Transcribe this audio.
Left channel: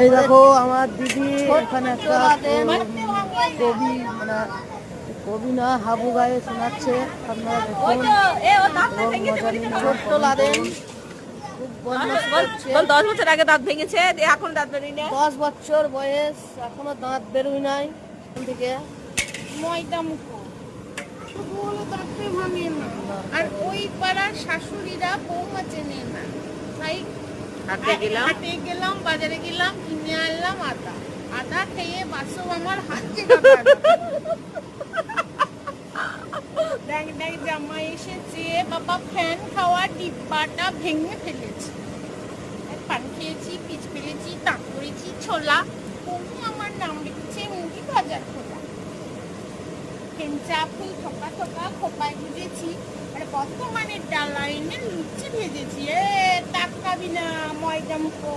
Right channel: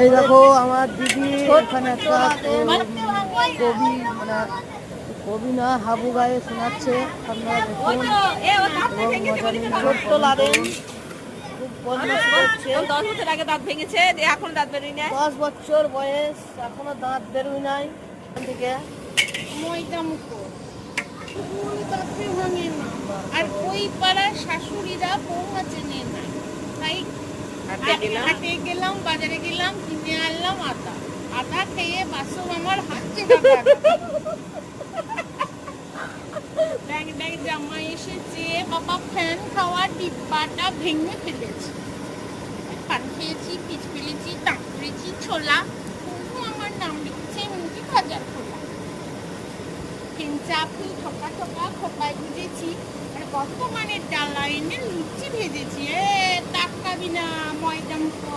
এই দেখো আমার দিদি এখানে একটা কবি মানে কবি না হাবু গায়ে শোনাচ্ছে, আপনারা দেখুন এবং মজা নিন। ছোট্ট লাদেন খুব বদমাশি করছে। 10 বছর আগে দাঁত ভেঙেছে, এখন দাঁত বেরোয় না। 10 বছর বয়স, এখনো দাঁত বেরোয় নাই থেকে। ময়দা মুখো দাঁতে ভাঙে না, আর ওই পাড়ার শাশুড়িরা বৌমা চেনে না, তাই হাটে গেলাম, বাজারে গেলাম, কিনে আনলাম আদা। আদা খেয়ে বাসব আমার হাত ড্যাং জামাই এসেছে, বাবা ফ্যান খাওয়ার ডিব্বাটা ভেঙে ফেলেছে। পান খেয়েছি, পিচ ফেলেছি, দাঁত করেছি ছোলা, তবু আমার নাম লিখছে মুড়ি ভাজার খোলা। ফেঞ্চা ফুল ঠোকা ঠোকা খোপায় গুজেছি, আর বর্তমানে ডালা এনে লুচি ভেজেছি। তাকাবি না ময়দা মুখো।